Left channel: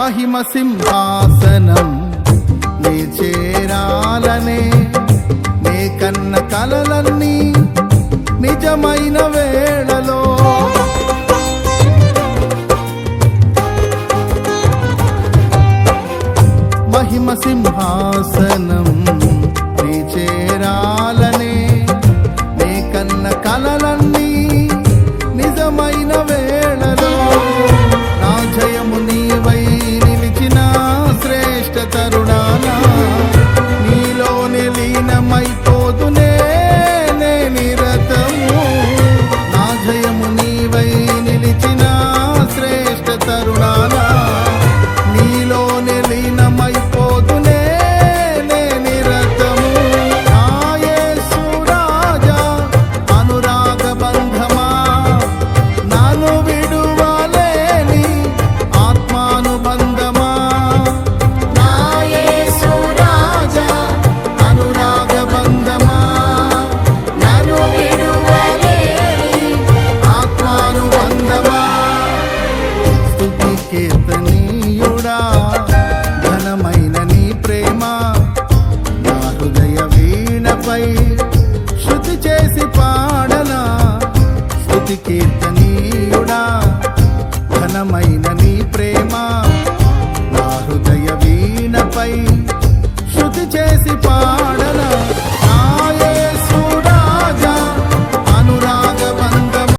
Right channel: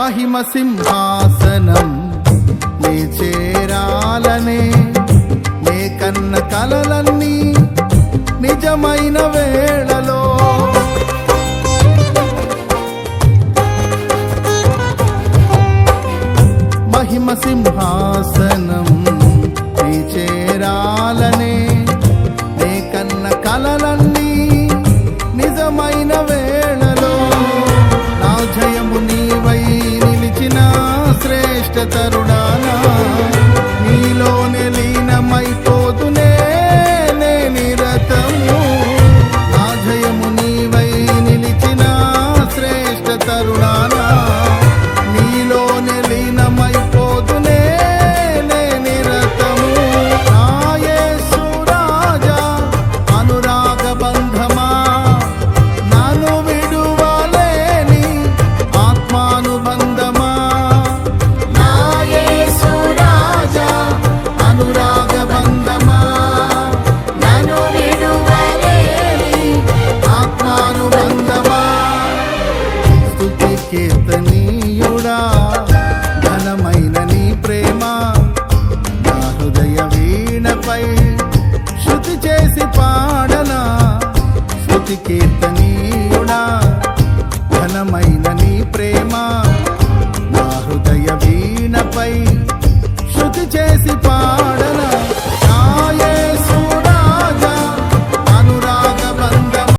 మహిమ సింహాసనం నీ చేరాలనే నే కన్న కలలన్నీ నిజమైన వేళలో మహిమ సింహాసనం నీ చేరాలనే నే కన్న కలలన్నీ నిజమైన వేళలో నా జయము నీవై నిలిచిన శ్రేష్ఠ తరుణానా నీలోనే లీనమైపోదునే నే నిరతము నా జయము నీవై నిలిచిన శ్రేష్ఠ తరుణానా నీలోనే లీనమైపోదునే నే నిరతము నా యేసు రాజా అనురాగ బంధమా నన్ను విడువలేని ఆత్మానుబంధమా నా యేసు రాజా అనురాగ బంధమా నన్ను విడువలేని ఆత్మానుబంధమా స్తుతి కీర్తనీయుడా ఘనమైన నీ ప్రేమ నా హృదయ వీణపై శృతి చేసి పాడనా స్తుతి కీర్తనీయుడా ఘనమైన నీ ప్రేమ నా హృదయ వీణపై శృతి చేసి పాడనా నా యేసు